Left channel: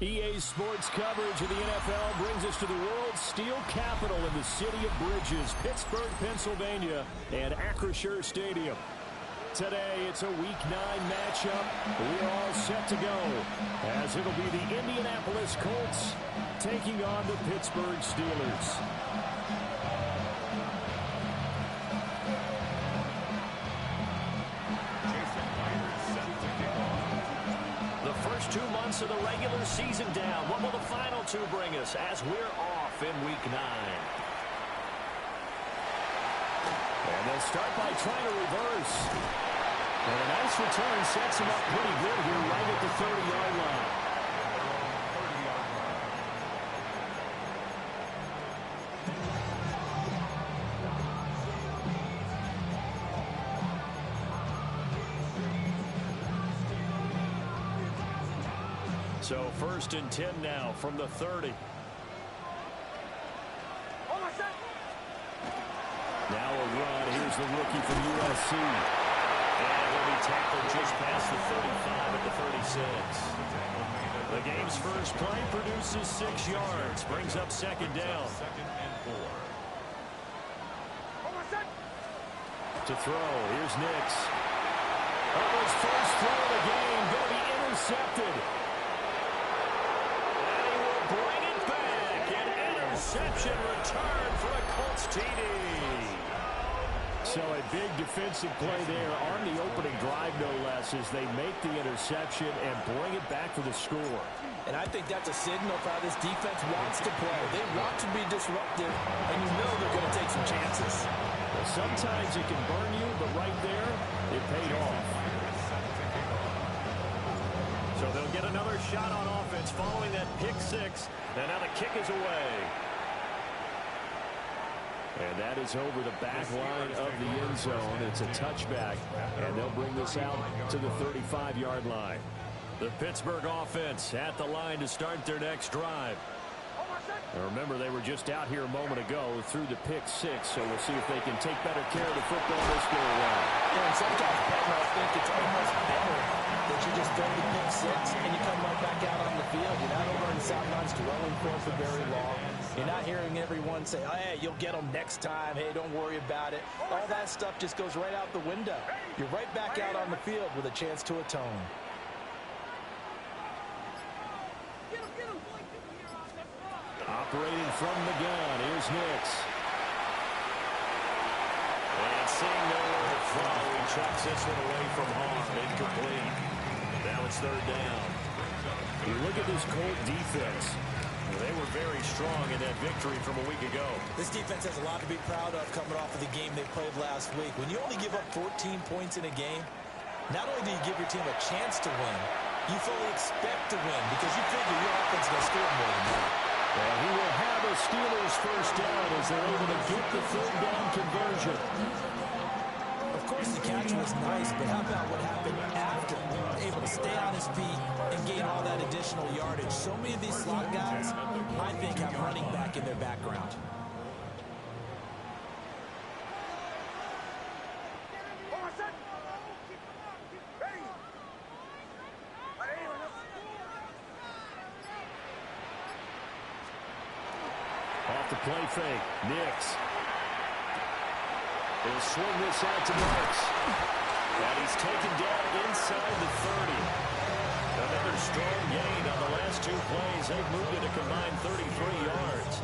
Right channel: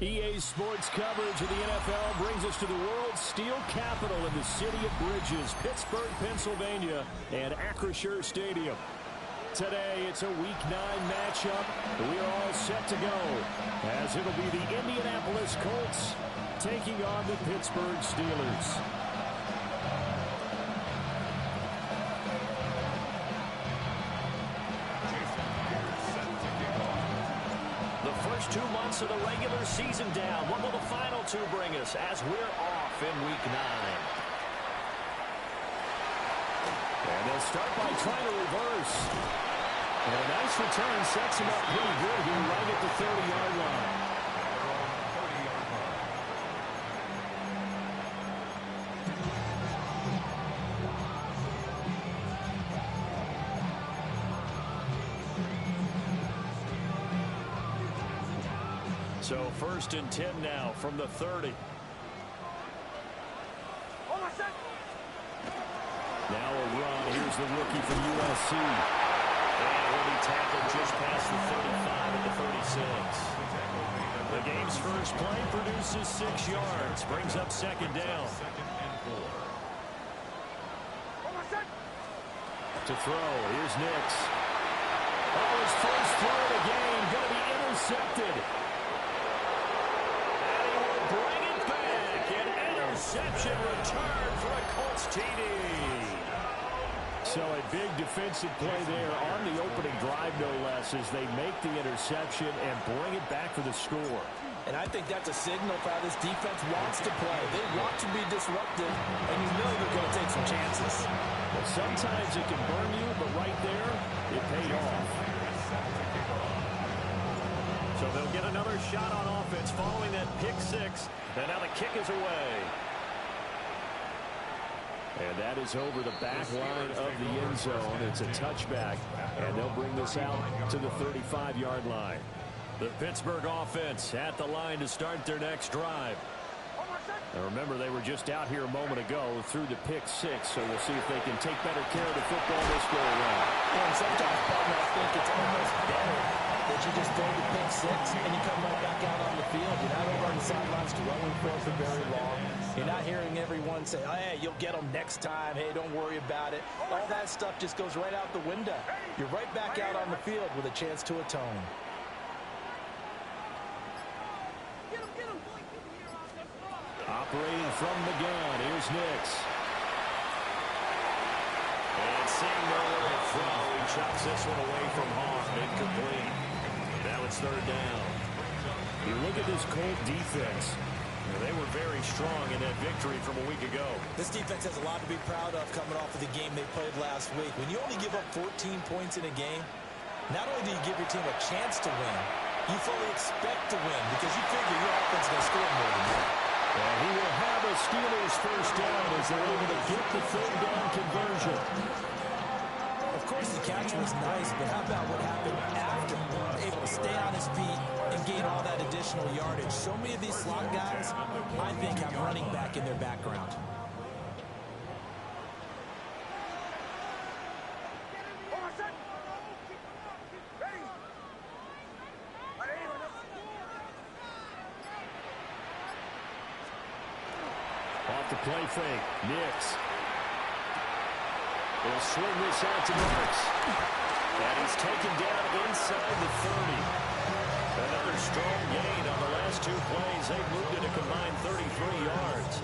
EA Sports coverage of the NFL brings us to the world's steel capital in the city of bridges, Pittsburgh, Pennsylvania, and Acrisure Stadium. Today, it's a Week 9 matchup. We are all set to go, as it'll be the Indianapolis Colts taking on the Pittsburgh Steelers. The first 2 months of the regular season down. What will the final 2 bring us as we're off in Week 9? And they'll start by trying to reverse. And a nice return sets him up pretty good here right at the 30-yard line. So 1st and 10 now from the 30. Now a run. Here's the rookie from USC. And he'll be tackled just past the 35 at the 36. The game's first play produces 6 yards. Brings up 2nd down. To throw. Here's Nix. Oh, his first throw of the game. Going to be intercepted. And he will bring it back. An interception return for a Colts TD. So a big defensive play there on the opening drive, no less, as they make the interception and bring it back for the score. And I think that's a signal for how this defense wants to play. They want to be disruptive, and you know they're going to take some chances. Well, sometimes it can burn you, but right there, it paid off. So they'll get another shot on offense following that pick 6, and now the kick is away. And that is over the back line of the end zone. It's a touchback, and they'll bring this out to the 35-yard line. The Pittsburgh offense at the line to start their next drive. And remember, they were just out here a moment ago through the pick 6, so we'll see if they can take better care of the football this go around. Yeah, and sometimes, partner, I think it's almost better that you just go to pick 6 and you come right back out on the field. You're not over on the sidelines dwelling for very long. You're not hearing everyone say, oh, hey, you'll get them next time. Hey, don't worry about it. All that stuff just goes right out the window. You're right back out on the field with a chance to atone. Operating from the gun, here's Nix. And seeing nowhere to throw, he chops this one away from harm. Incomplete. Now it's 3rd down. You look at this Colt defense. They were very strong in that victory from a week ago. This defense has a lot to be proud of coming off of the game they played last week. When you only give up 14 points in a game, not only do you give your team a chance to win, you fully expect to win because you figure your offense is going to score more than that. And he will have a Steelers first down as they're able to get the 3rd down conversion. Of course, the catch was nice, but how about what happened after? Able to stay on his feet and gain all that additional yardage. So many of these slot guys, I think, have running back in their background. Off the play fake, Nix. He'll swing this out to Marks. And he's taken down inside the 30. Another strong gain on the last 2 plays. They've moved it a combined 33 yards.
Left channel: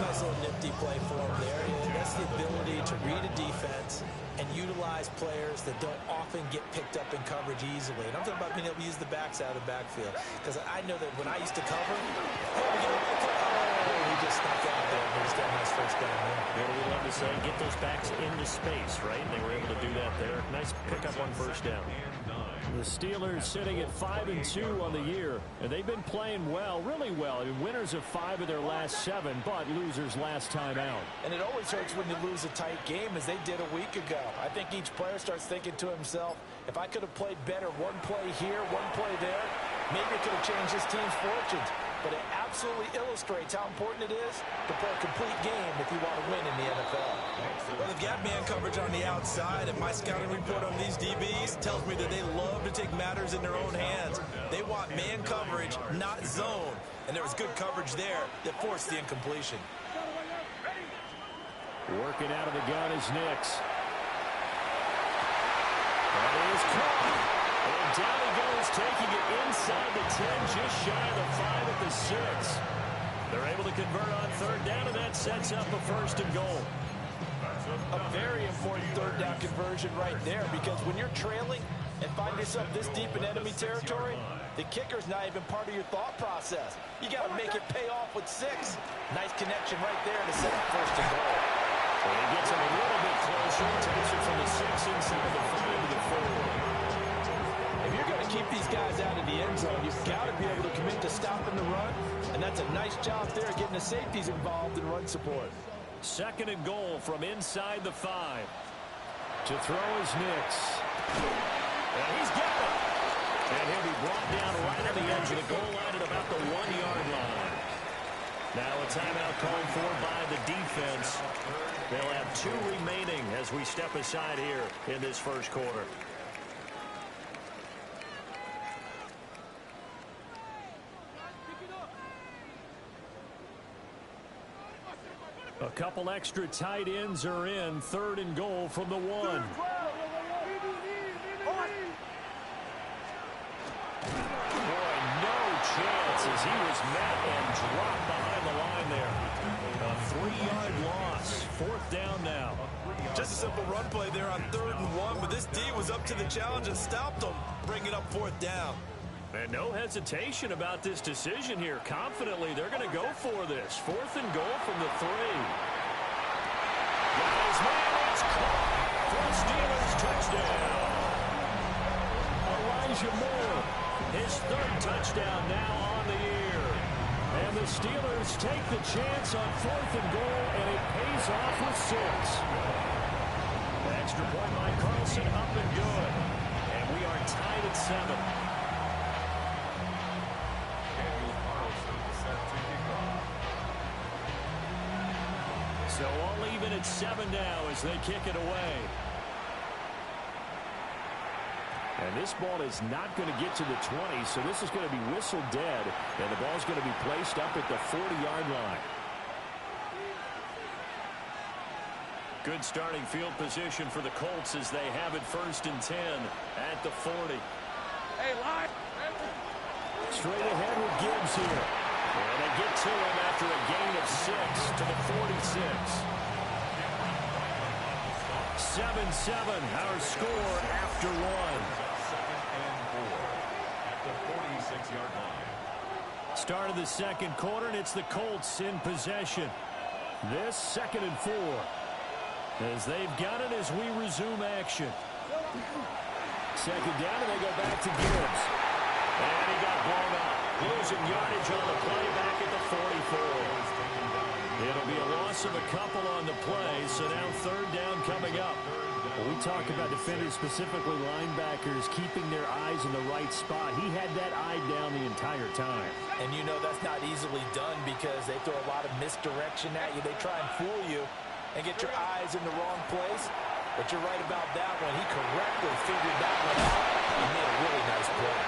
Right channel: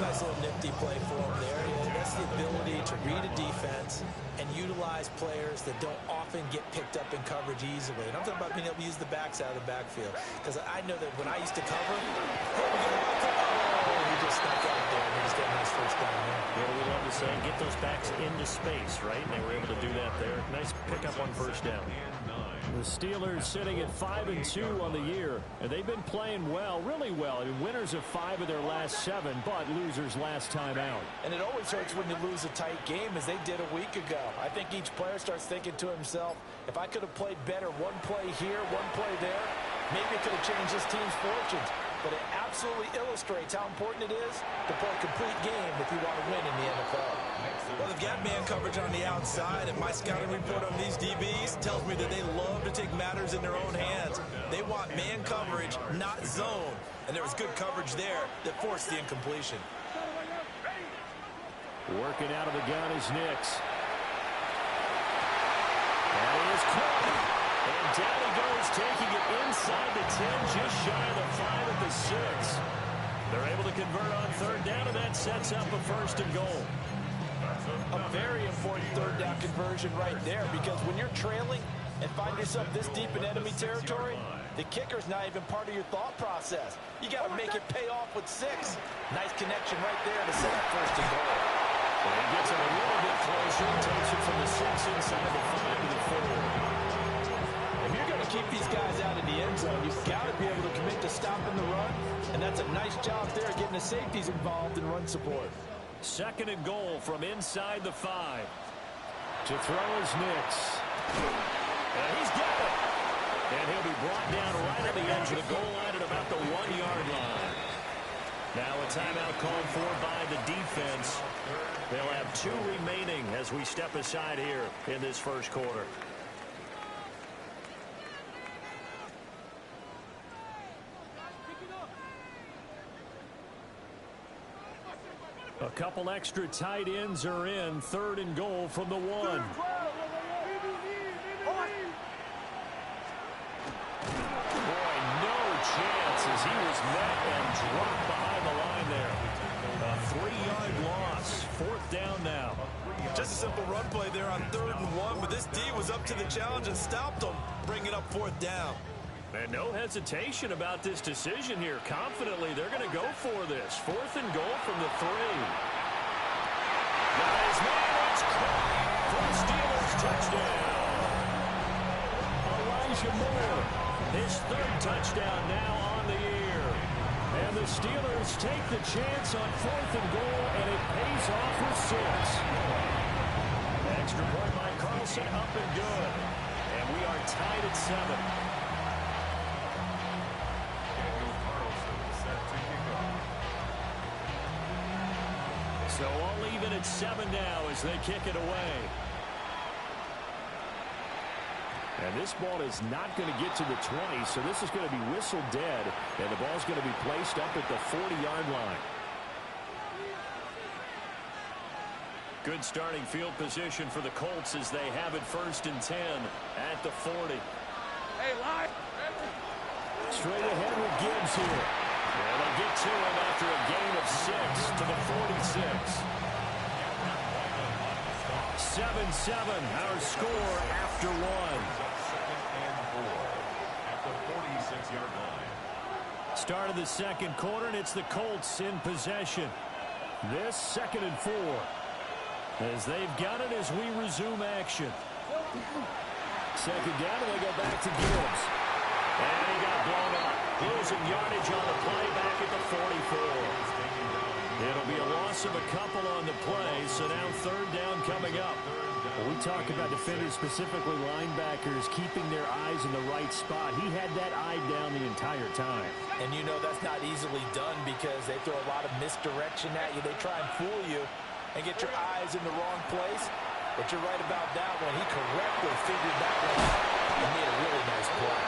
Nice little nifty play for him there. That's the ability to read a defense and utilize players that don't often get picked up in coverage easily. And I'm talking about being able to use the backs out of the backfield. Because I know that when I used to cover, hey, we get a right cover. Oh, he just snuck out there. And he just got a nice first down there. What do we love to say? Get those backs into space, right? And they were able to do that there. Nice pickup on first down. The Steelers sitting at 5-2 on the year, and they've been playing well, really well. I mean, winners of 5 of their last 7, but losers last time out. And it always hurts when you lose a tight game, as they did a week ago. I think each player starts thinking to himself, if I could have played better one play here, one play there, maybe it could have changed this team's fortunes. but it absolutely illustrates how important it is to play a complete game if you want to win in the NFL. Well, they've got man coverage on the outside, and my scouting report on these DBs tells me that they love to take matters in their own hands. They want man coverage, not zone. And there was good coverage there that forced the incompletion. Working out of the gun is Nix. That is caught. And down he goes, taking it inside the 10, just shy of the 5 at the 6. They're able to convert on third down, and that sets up a 1st and goal. A very important third down conversion right there, because when you're trailing and find yourself this deep in enemy territory, the kicker's not even part of your thought process. You got to make it pay off with 6. Nice connection right there to set up 1st and goal. And he gets him a little bit closer and takes it from the 6 inside the 5 to the 4. If you're going to keep these guys out of the end zone, you've got to be able to commit to stopping the run, and that's a nice job there getting the safeties involved in run support. 2nd and goal from inside the 5. To throw is Nix. And he's got it. And he'll be brought down right on the edge of the goal line at about the 1-yard line. Now a timeout called for by the defense. They'll have 2 remaining as we step aside here in this 1st quarter. A couple extra tight ends are in. 3rd and goal from the 1. Boy, no chance as he was met and dropped behind the line there. A 3-yard loss. 4th down now. Just a simple run play there on 3rd and 1, but this D was up to the challenge and stopped them, bringing up 4th down. And no hesitation about this decision here. Confidently, they're going to go for this. 4th and goal from the 3. Guys, man, it's caught for the Steelers touchdown. Elijah Moore, his 3rd touchdown now on the year. And the Steelers take the chance on 4th and goal, and it pays off with 6. Extra point by Carlson, up and good. And we are tied at 7. So all even at 7 now as they kick it away. And this ball is not going to get to the 20, so this is going to be whistled dead, and the ball's going to be placed up at the 40-yard line. Good starting field position for the Colts as they have it 1st and 10 at the 40. Hey, line. Straight ahead with Gibbs here. And they get to him after a gain of 6 to the 46. 7-7, our score after 1. 2nd and 4 at the 46-yard line. Start of the 2nd quarter, and it's the Colts in possession. This 2nd and 4. As they've got it as we resume action. 2nd down, and they go back to Gibbs. And he got blown up. Losing yardage on the play back at the 44. It'll be a loss of a couple on the play, so now 3rd down coming up. Well, we talk about defenders, specifically linebackers, keeping their eyes in the right spot. He had that eye down the entire time. And you know that's not easily done because they throw a lot of misdirection at you. They try and fool you and get your eyes in the wrong place. But you're right about that one. He correctly figured that one out and made a really nice play.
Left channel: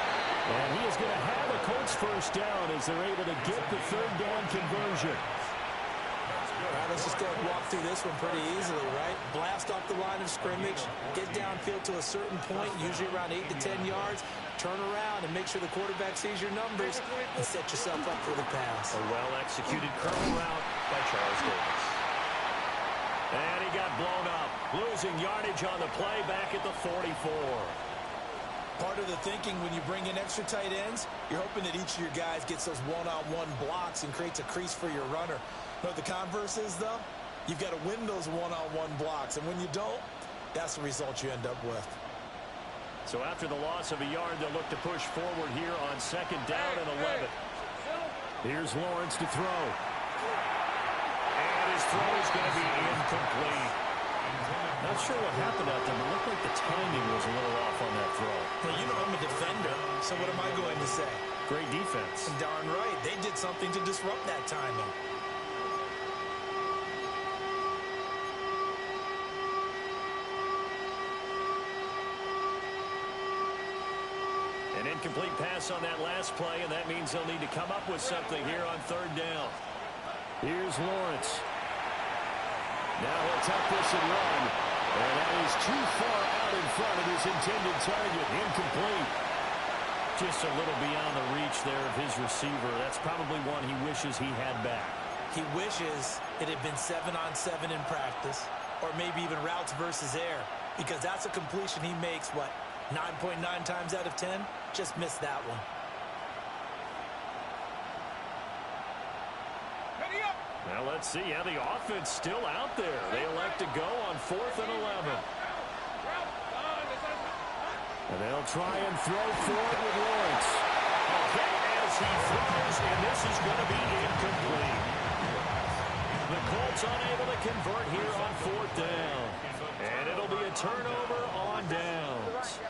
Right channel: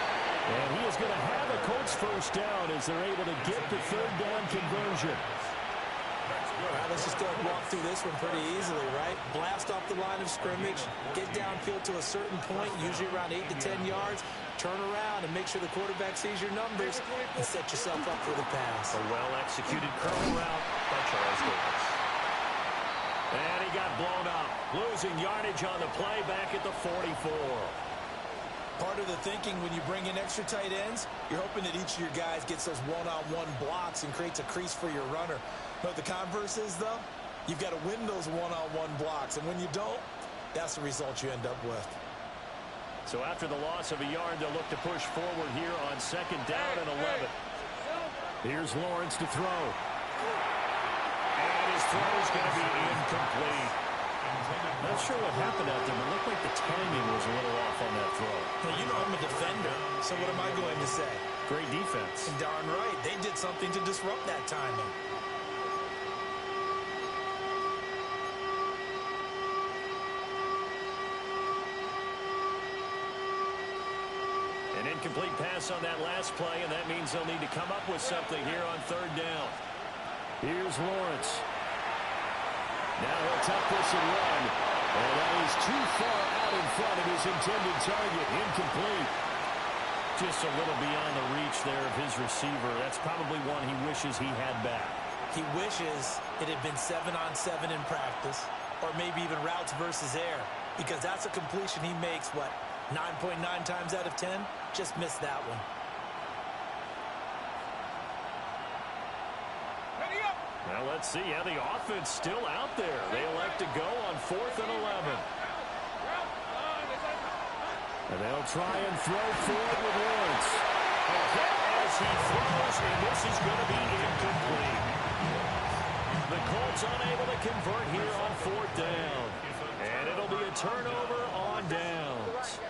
And he is going to have a Colts 1st down as they're able to get the 3rd down conversion. All right, let's just go and walk through this one pretty easily, right? Blast off the line of scrimmage, get downfield to a certain point, usually around 8 to 10 yards, turn around and make sure the quarterback sees your numbers and set yourself up for the pass. A well-executed curl route by Charles Davis. And he got blown up, losing yardage on the play back at the 44. Part of the thinking when you bring in extra tight ends, you're hoping that each of your guys gets those one-on-one blocks and creates a crease for your runner. But the converse is, though, you've got to win those one-on-one blocks. And when you don't, that's the result you end up with. So after the loss of a yard, they'll look to push forward here on 2nd down and 11. Here's Lawrence to throw. And his throw is going to be incomplete. Not sure what happened out there, but it looked like the timing was a little off on that throw. Well, you know I'm a defender, so what am I going to say? Great defense. And darn right. They did something to disrupt that timing. An incomplete pass on that last play, and that means they'll need to come up with something here on third down. Here's Lawrence. Now he'll tuck this and run. And that is too far out in front of his intended target. Incomplete. Just a little beyond the reach there of his receiver. That's probably one he wishes he had back. He wishes it had been 7-on-7 in practice, or maybe even routes versus air, because that's a completion he makes, what, 9.9 times out of 10? Just missed that one. Well, let's see how the offense still out there. They elect to go on 4th and 11. And they'll try and throw for it with Lawrence. A hit as he throws, and this is going to be incomplete. The Colts unable to convert here on 4th down. And it'll be a turnover on downs.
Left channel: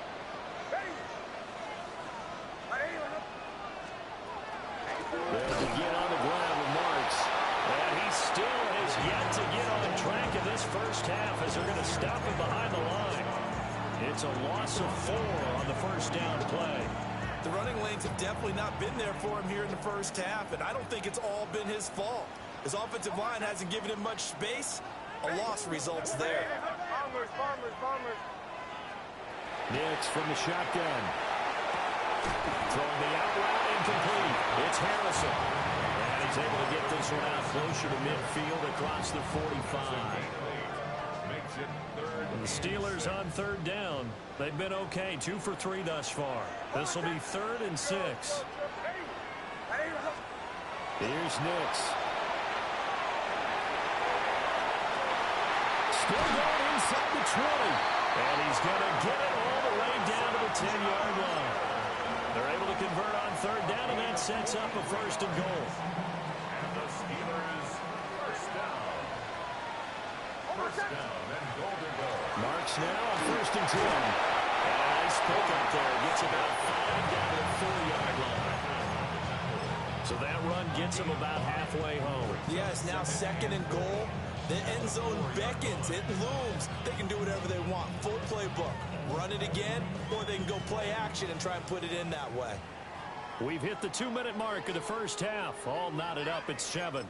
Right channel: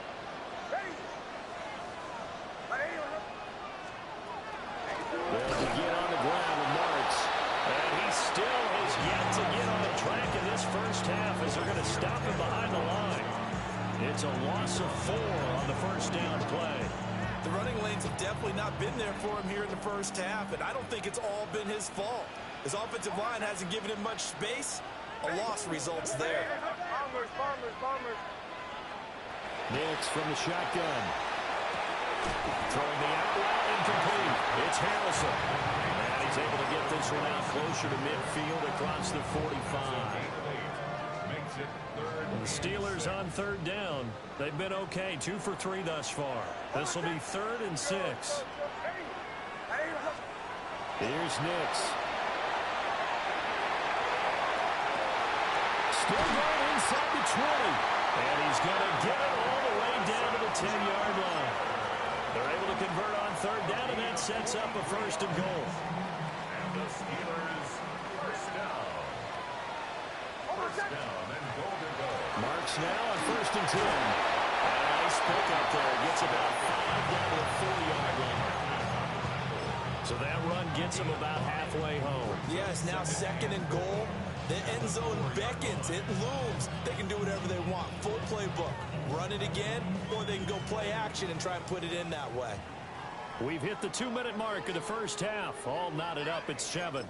They'll begin on the ground with Marks. And he still has yet to get on track in this first half as they're going to stop him behind the line. It's a loss of 4 on the first down play. The running lanes have definitely not been there for him here in the first half, and I don't think it's all been his fault. His offensive line hasn't given him much space. A loss results there. Nix from the shotgun. Throwing the out route, incomplete. It's Harrison. And he's able to get this one out closer to midfield across the 45. The Steelers on third down. They've been okay, 2 for 3 thus far. This will be 3rd and 6. Here's Nix. Still going inside the 20. And he's going to get it all the way down to the 10-yard line. They're able to convert on third down, and that sets up a 1st and goal. And the Steelers first down. First down and goal to go. Marks now on 1st and 10. And a nice pickup there. Gets about 5 down to the 4-yard line. So that run gets him about halfway home. Yes, now 2nd and goal. The end zone beckons. It looms. They can do whatever they want. Full playbook. Run it again, or they can go play action and try and put it in that way. We've hit the 2-minute mark of the first half. All knotted up at 7.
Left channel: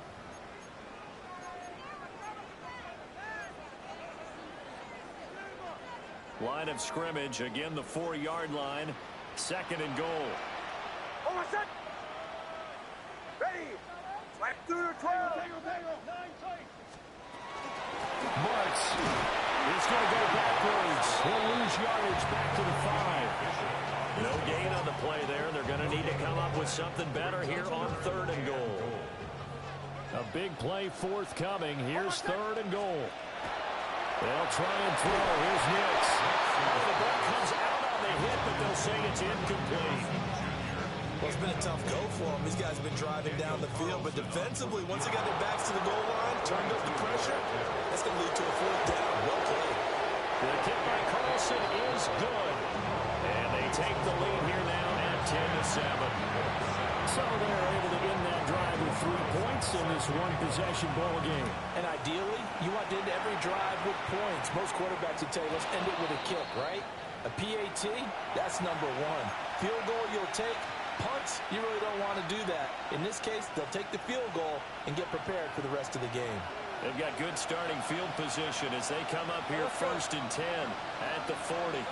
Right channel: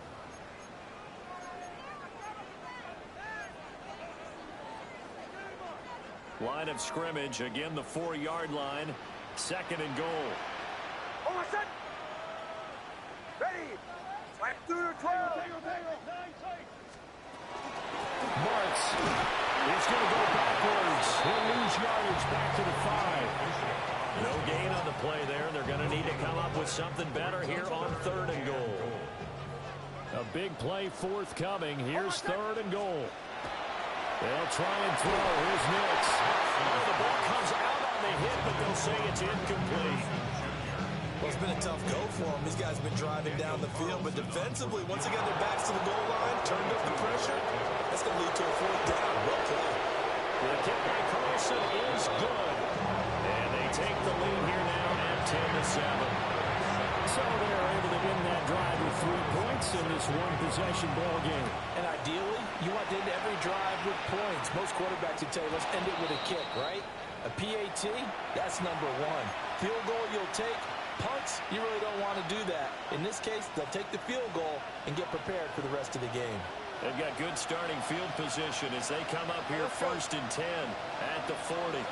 Line of scrimmage, again the 4-yard line. 2nd and goal. Ready. Right through the 12. Marks is going to go backwards. He'll lose yardage back to the 5. No gain on the play there. They're going to need to come up with something better here on 3rd and goal. A big play forthcoming. Here's 3rd and goal. They'll try and throw. Here's Nix. Oh, the ball comes out on the hit, but they'll say it's incomplete. Well, it's been a tough go for them. These guys have been driving down the field, but defensively, once they got their backs to the goal line, turned up the pressure, that's going to lead to a 4th down. Well played. The kick by Carlson is good. And they take the lead here now at 10-7. So they're able to end that drive with 3 points in this one-possession ball game. And ideally, you want to end every drive with points. Most quarterbacks would tell you, let's end it with a kick, right? A PAT, that's number 1. Field goal you'll take. Punts, you really don't want to do that. In this case, they'll take the field goal and get prepared for the rest of the game. They've got good starting field position as they come up here 1st and 10 at the 40.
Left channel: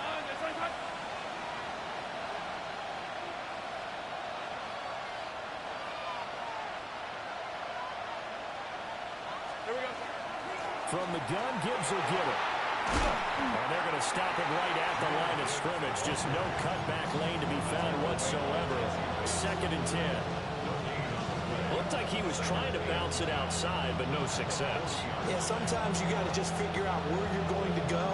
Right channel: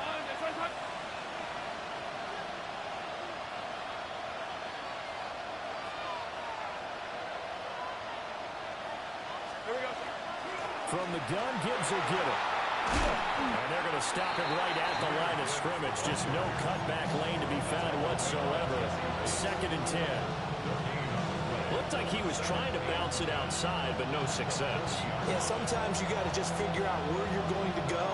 From the gun, Gibbs will get it. And they're going to stop him right at the line of scrimmage. Just no cutback lane to be found whatsoever. 2nd and 10. Looked like he was trying to bounce it outside, but no success. Yeah, sometimes you got to just figure out where you're going to go,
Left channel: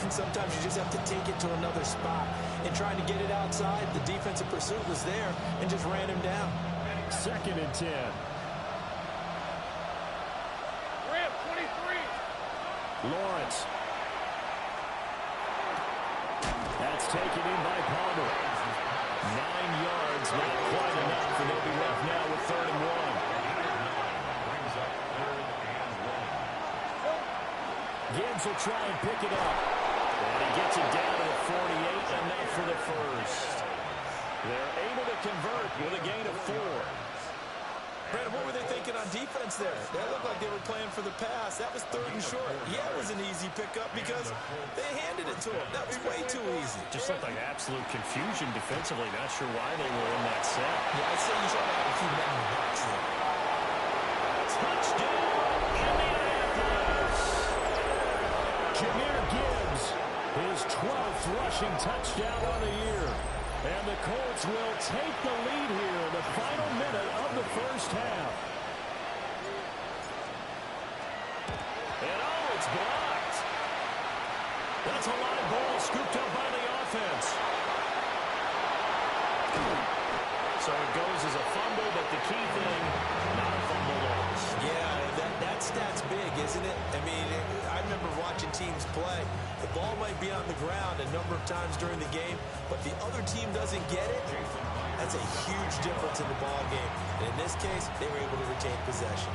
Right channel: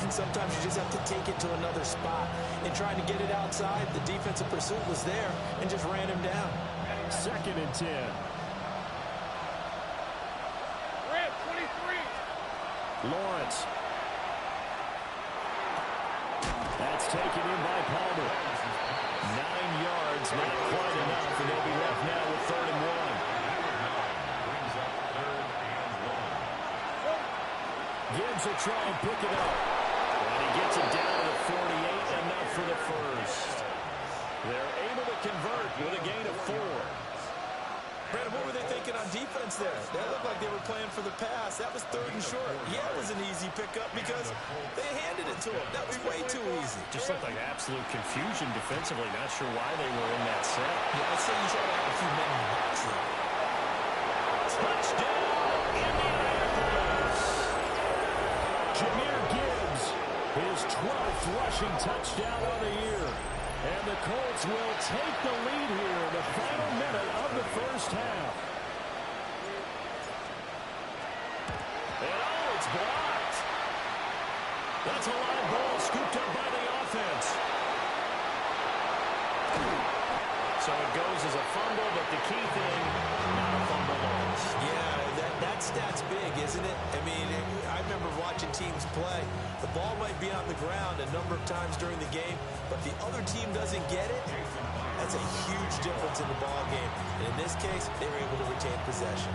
and sometimes you just have to take it to another spot. In trying to get it outside, the defensive pursuit was there and just ran him down. 2nd and 10. Ramp 23. Lawrence. That's taken in by Palmer. 9 yards, not quite enough, and they'll be left now with 3rd and 1. Brings up 3rd and 1. Gibbs will try and pick it up. And he gets it down to the 48, enough for the first. They're able to convert with a gain of 4. Brandon, what were they thinking on defense there? They looked like they were playing for the pass. That was 3rd and short. Yeah, it was an easy pickup because they handed it to him. That was way too easy. Just looked like absolute confusion defensively. Not sure why they were in that set. Yeah, I'd say you should have a few men in the box there. Touchdown, Indianapolis! Jahmyr Gibbs, his 12th rushing touchdown on the year. And the Colts will take the lead here in the final minute of the first half. And oh, it's blocked. That's a live ball scooped up by the offense. So it goes as a fumble, but the key thing, not a fumble loss. Yeah, that stat's big, isn't it? I mean, I remember watching teams play. The ball might be on the ground a number of times during the game, but the other team doesn't get it. That's a huge difference in the ball game. And in this case, they were able to retain possession.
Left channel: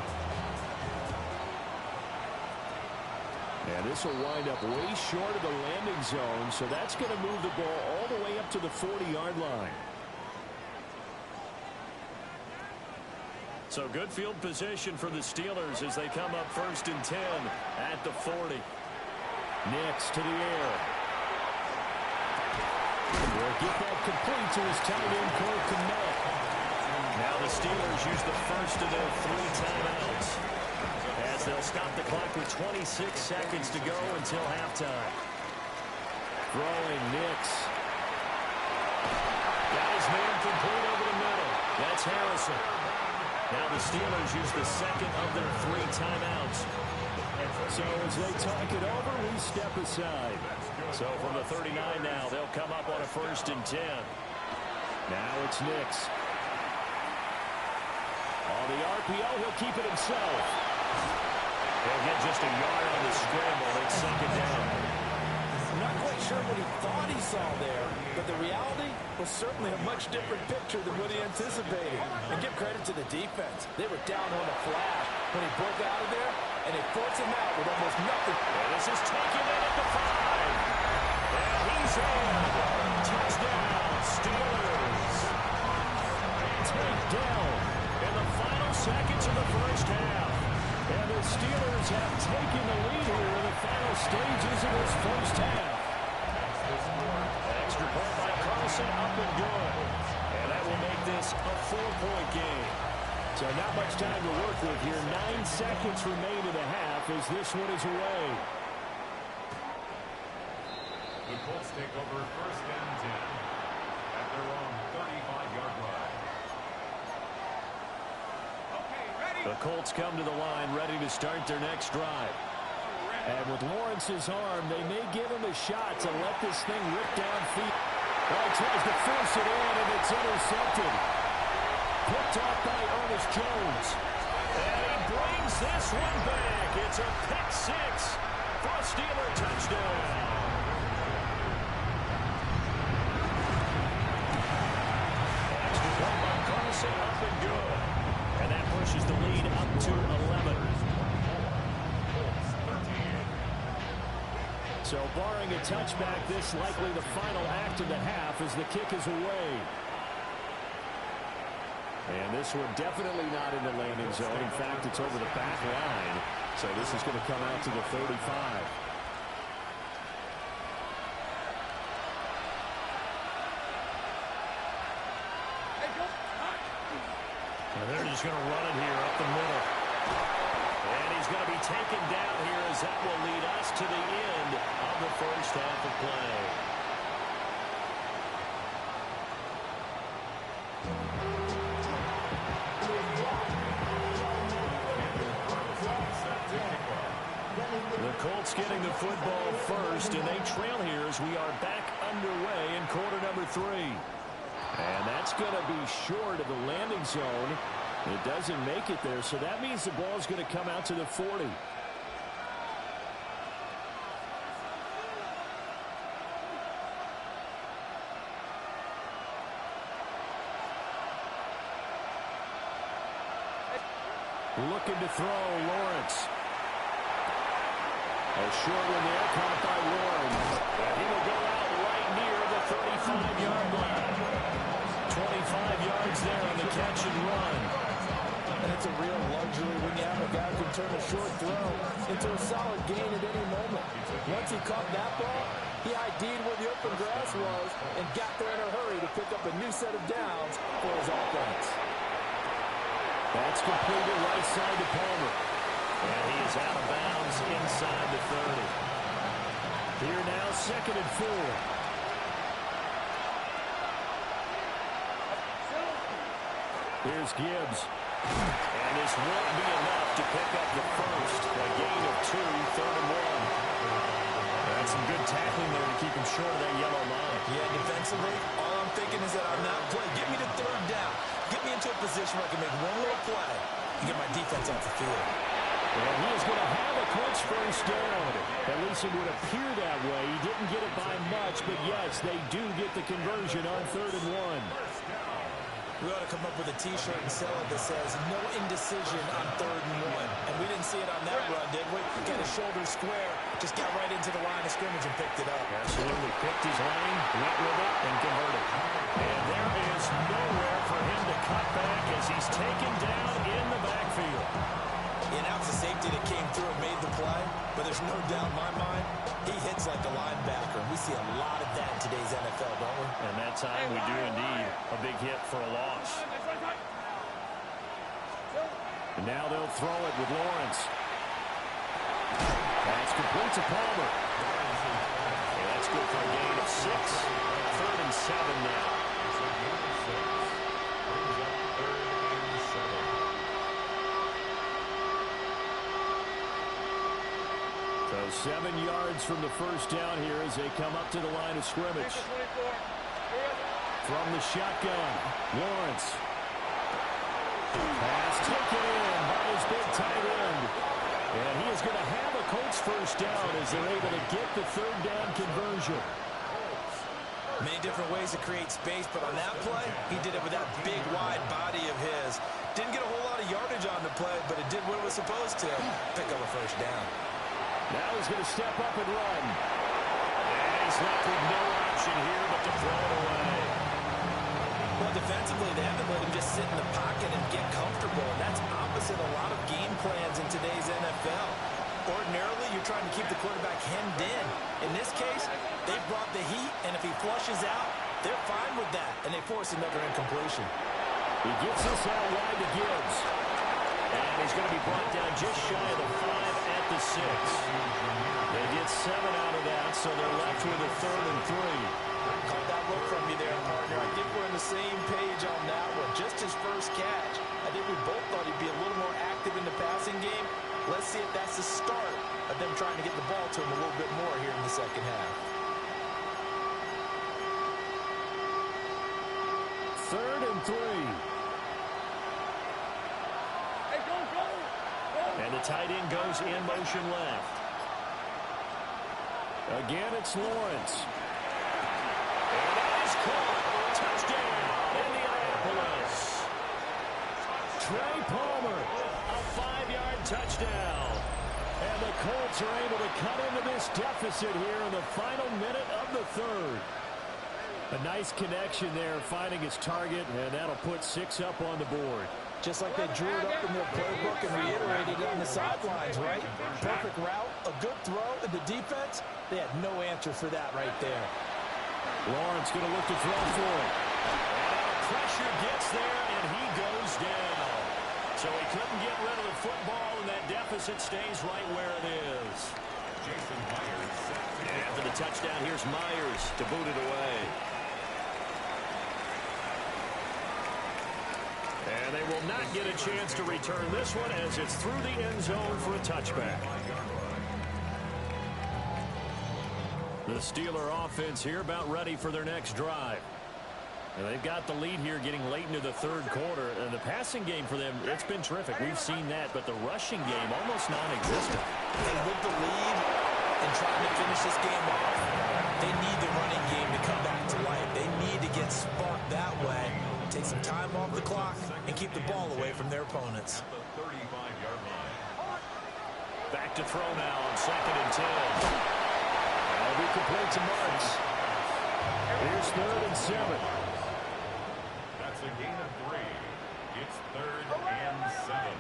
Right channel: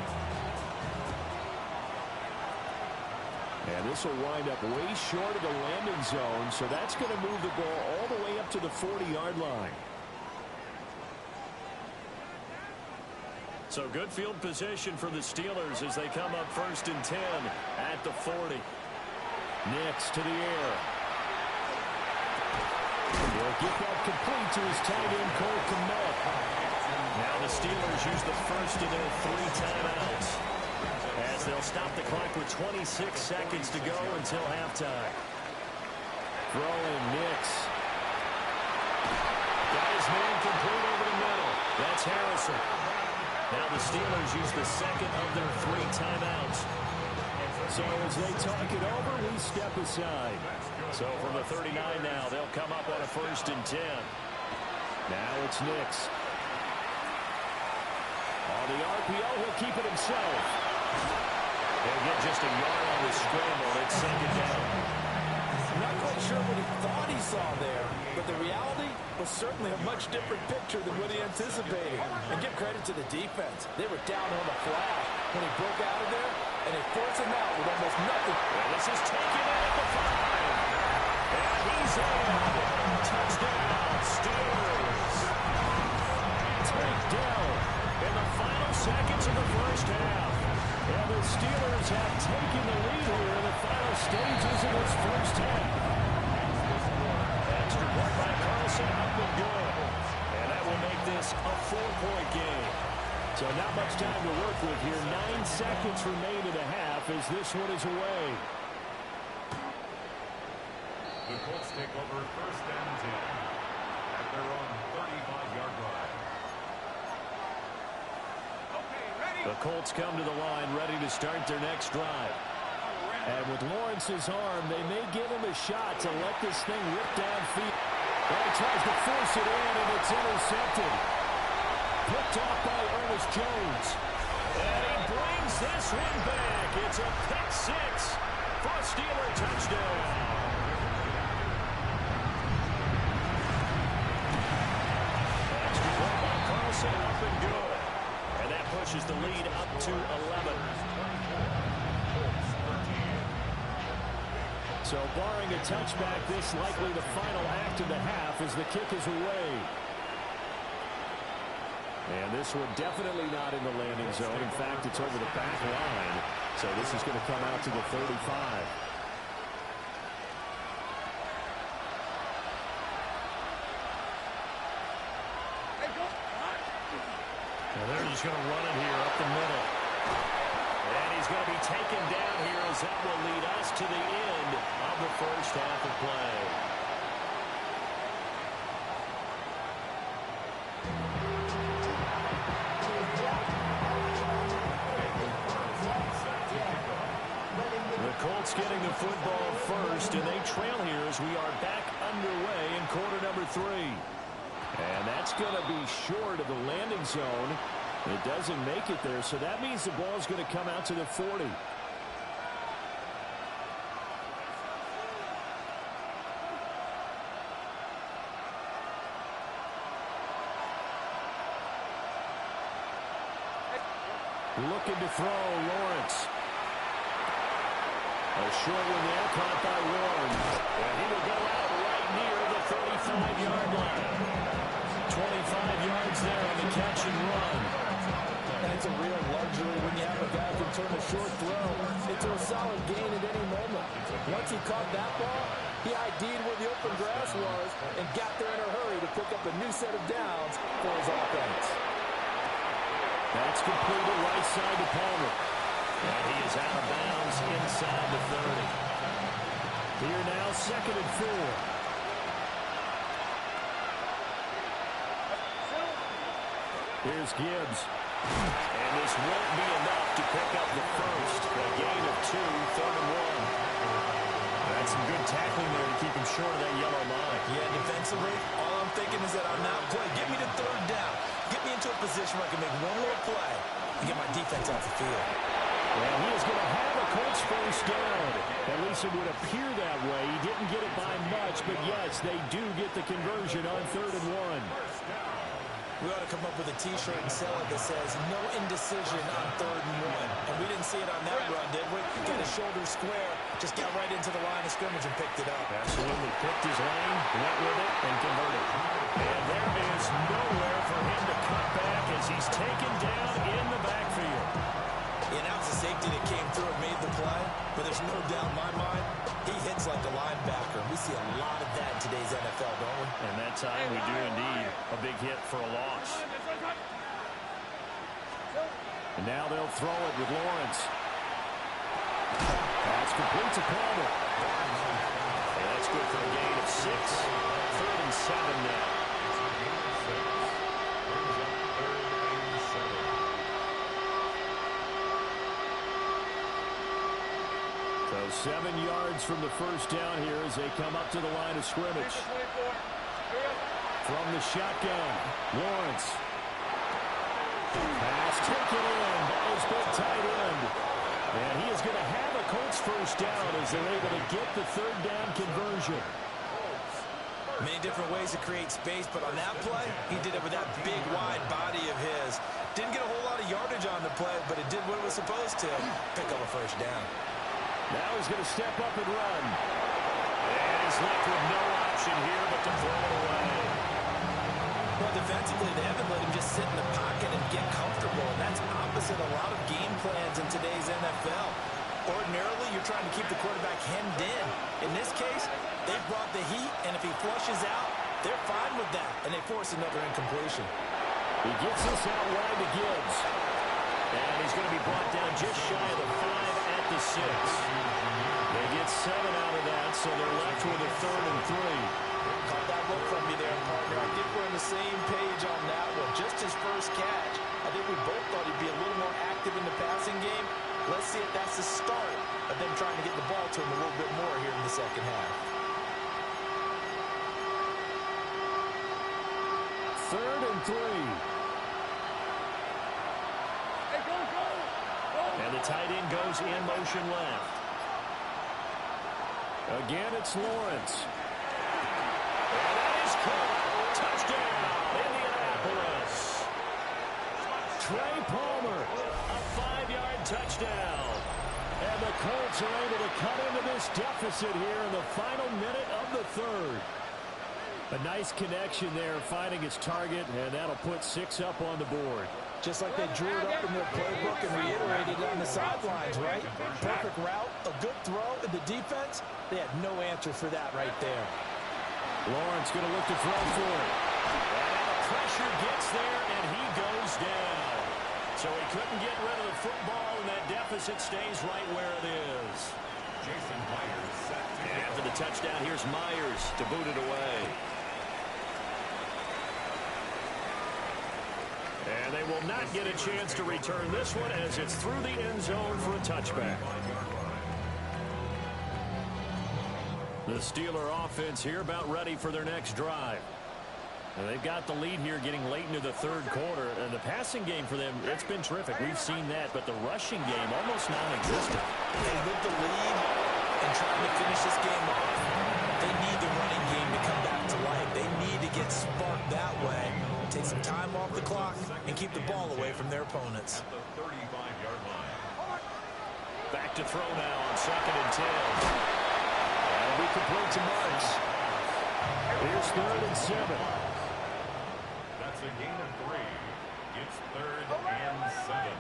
And this will wind up way short of the landing zone, so that's going to move the ball all the way up to the 40-yard line. So good field position for the Steelers as they come up 1st and 10 at the 40. Nix to the air. He'll get that complete to his tight end, Cole Kmet. Now the Steelers use the first of their 3 timeouts as they'll stop the clock with 26 seconds to go until halftime. Throwing Nix. Got his man complete over the middle. That's Harrison. Now the Steelers use the second of their 3 timeouts. So as they talk it over, we step aside. So from the 39 now, they'll come up on a 1st and 10. Now it's Nix. On the RPO, he'll keep it himself. He'll get just a yard on the scramble. It's 2nd down. I'm not quite sure what he thought he saw there, but the reality was certainly a much different picture than what he anticipated. And give credit to the defense. They were down on the flash when he broke out of there, and they forced him out with almost nothing. And this is taken in at the 5. And he's in. Touchdown, Steelers. Takedown in the final seconds of the first half. And the Steelers have taken the lead here in the final stages of this first half. Extra point by Carlson, up and good. And that will make this a 4-point game. So not much time to work with here. 9 seconds remain in the half as this one is away. The Colts take over 1st and 10 at their own 35-yard line. The Colts come to the line ready to start their next drive. And with Lawrence's arm, they may give him a shot to let this thing rip downfield. Oh, he tries to force it in, and it's intercepted. Picked off by Ernest Jones. And he brings this one back. It's a pick 6 for a Steeler touchdown. Extra point by Carlson, up and good. And that pushes the lead up to 11. So barring a touchback, this likely the final act of the half as the kick is away. And this one definitely not in the landing zone. In fact, it's over the back line. So this is going to come out to the 35. And they're just going to run it here up the middle. And he's going to be taken down here as that will lead us to the end of the first half of play. The Colts getting the football first, and they trail here as we are back underway in quarter number 3. And that's going to be short of the landing zone. It doesn't make it there, so that means the ball is going to come out to the 40. Looking to throw, Lawrence. A short one there, caught by Warren. And he will go out right near the 35-yard line. 25 yards there on the catch and run. And it's a real luxury when you have a guy who can turn a short throw into a solid gain at any moment. Once he caught that ball, he ID'd where the open grass was and got there in a hurry to pick up a new set of downs for his offense. That's completed right side to Palmer. And he is out of bounds inside the 30. Here now, 2nd and 4. Here's Gibbs. And this won't be enough to pick up the first. A gain of 2, 3rd and 1. That's some good tackling there to keep him short of that yellow line. Yeah, defensively, all I'm thinking is that on that play, get me to 3rd down. Get me into a position where I can make one more play and get my defense off the field. And he is going to have a Colts first down. At least it would appear that way. He didn't get it by much, but yes, they do get the conversion on 3rd and 1. We ought to come up with a T-shirt and sell it that says no indecision on 3rd and 1. And we didn't see it on that run, did we? Got his shoulder square, just got right into the line of scrimmage and picked it up. Absolutely. Picked his lane, went with it, and converted. And there is nowhere for him to cut back as he's taken down in the backfield. And that was a safety that came through and made the play, but there's no doubt in my mind, he hits like a linebacker. And we see a lot of that in today's NFL, don't we? And that time we do indeed. A big hit for a loss. And now they'll throw it with Lawrence. That's complete to Palmer. And that's good for a gain of 6. 3rd and 7 now. So 7 yards from the first down here as they come up to the line of scrimmage. From the shotgun, Lawrence. Pass taken in by his big tight end. And he is going to have a Colts first down as they're able to get the 3rd down conversion. Many different ways to create space, but on that play, he did it with that big, wide body of his. Didn't get a whole lot of yardage on the play, but it did what it was supposed to. Pick up a first down. Now he's going to step up and run. And he's left with no option here but to throw it away. Well, defensively, they haven't let him just sit in the pocket and get comfortable, and that's opposite a lot of game plans in today's NFL. Ordinarily, you're trying to keep the quarterback hemmed in. In this case, they brought the heat, and if he flushes out, they're fine with that, and they force another incompletion. He gets this out wide to Gibbs. And he's going to be brought down just shy of the 5 at the 6. They get 7 out of that, so they're left with a 3rd and 3. Caught that look from you there, partner. I think we're on the same page on that one. Just his first catch. I think we both thought he'd be a little more active in the passing game. Let's see if that's the start of them trying to get the ball to him a little bit more here in the second half. 3rd and 3. And the tight end goes in motion left. Again, it's Lawrence. And that is caught. Touchdown, Indianapolis. Trey Palmer, a 5-yard touchdown. And the Colts are able to cut into this deficit here in the final minute of the 3rd. A nice connection there, finding his target, and that'll put 6 up on the board. Just like they drew it up in their playbook and reiterated it on the sidelines, right? Perfect route, a good throw, and the defense, they had no answer for that right there. Lawrence going to look to throw for it. And now the pressure gets there, and he goes down. So he couldn't get rid of the football, and that deficit stays right where it is. Jason Myers set to And after the touchdown, here's Myers to boot it away. And they will not get a chance to return this one as it's through the end zone for a touchback. The Steeler offense here about ready for their next drive. And they've got the lead here getting late into the 3rd quarter. And the passing game for them, it's been terrific. We've seen that, but the rushing game almost non-existent. And with the lead and trying to finish this game off, they need the running game to come back to life. They need to get sparked that way take some time off the clock and keep the ball away from their opponents. At the 35-yard line. Back to throw now on 2nd and 10. That'll be complete to Marks. Here's 3rd and 7. That's a gain of 3. It's 3rd and 7.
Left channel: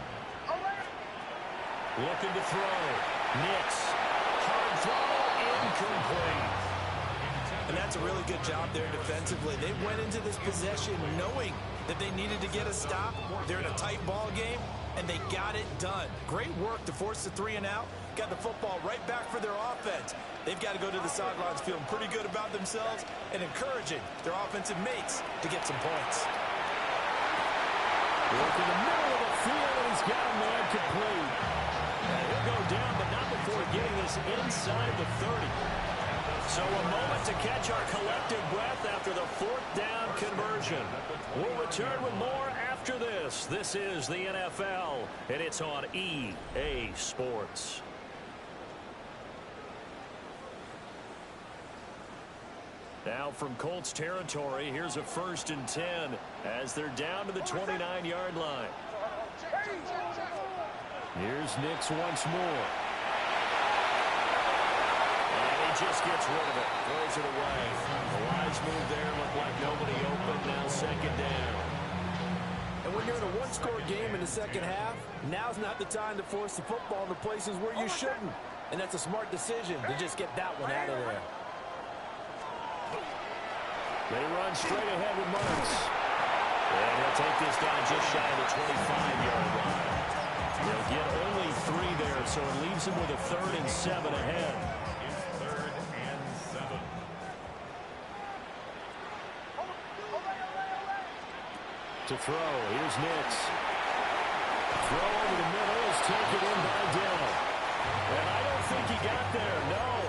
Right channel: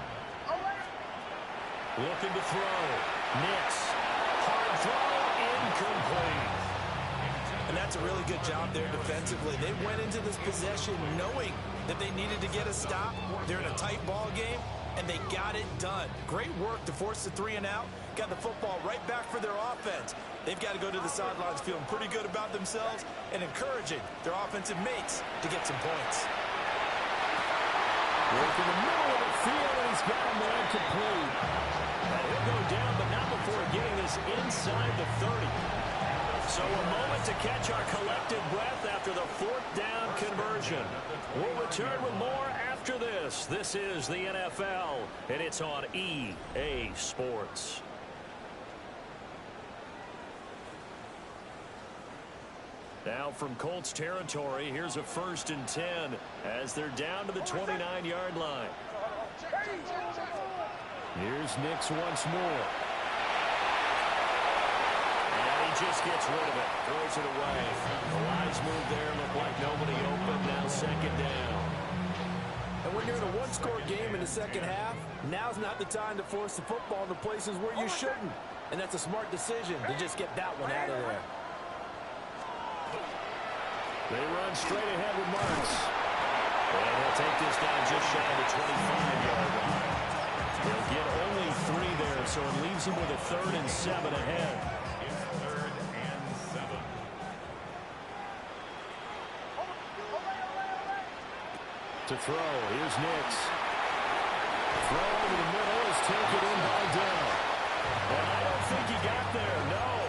Looking to throw. Nix. Hard throw. Incomplete. And that's a really good job there defensively. They went into this possession knowing that they needed to get a stop. They're in a tight ball game, and they got it done. Great work to force the 3 and out. Got the football right back for their offense. They've got to go to the sidelines feeling pretty good about themselves and encouraging their offensive mates to get some points. Work in the middle of the field, and he's got a man complete. And he'll go down, but not before getting this inside the 30. So a moment to catch our collective breath after the 4th down conversion. We'll return with more after this. This is the NFL, and it's on EA Sports. Now from Colts territory, here's a 1st and 10 as they're down to the 29-yard line. Here's Nix once more. And he just gets rid of it, throws it away. The wise move there, looked like nobody open, now 2nd down. And when you're in a one-score game in the second half, now's not the time to force the football into places where you shouldn't. And that's a smart decision to just get that one out of there. They run straight ahead with Marks. And he'll take this down just shy of the 25-yard line. He'll get only 3 there, so it leaves him with a 3rd and 7 ahead. It's 3rd and 7. To throw, here's Nix. Throw over the middle is taken in by Dell. And I don't think he got there, no.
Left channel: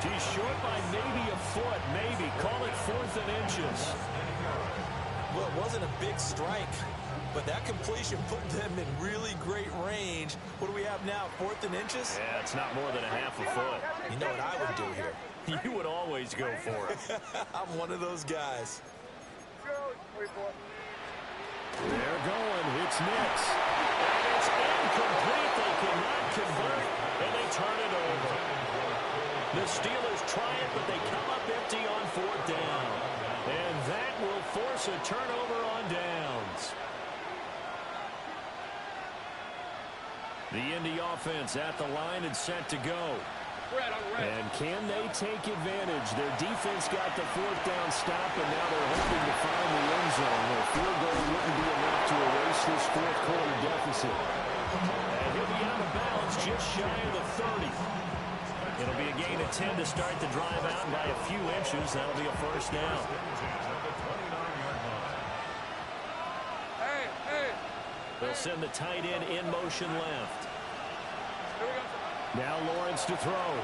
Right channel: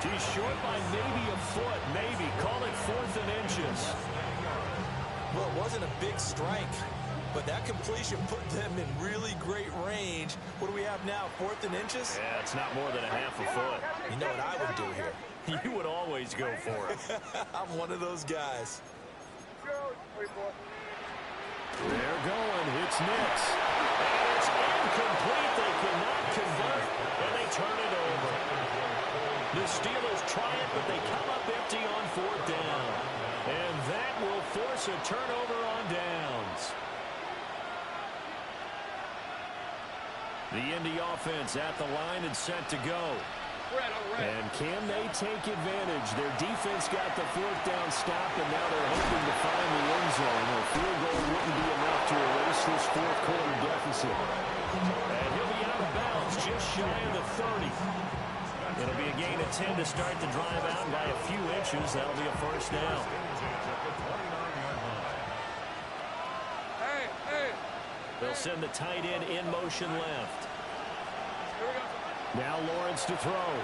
He's short by maybe a foot, maybe. Call it 4th and inches. Well, it wasn't a big strike, but that completion put them in really great range. What do we have now, 4th and inches? Yeah, it's not more than a half a foot. You know what I would do here? You would always go for it. I'm one of those guys. They're going. It's Nix. And it's incomplete. They cannot convert, and they turn it over. The Steelers try it, but they come up empty on 4th down. And that will force a turnover on downs. The Indy offense at the line and set to go. And can they take advantage? Their defense got the 4th down stop, and now they're hoping to find the end zone. A field goal wouldn't be enough to erase this 4th quarter deficit. And he'll be out of bounds just shy of the 30. It'll be a gain of 10 to start the drive out, and by a few inches, that'll be a 1st down. They'll send the tight end in motion left. Now Lawrence to throw.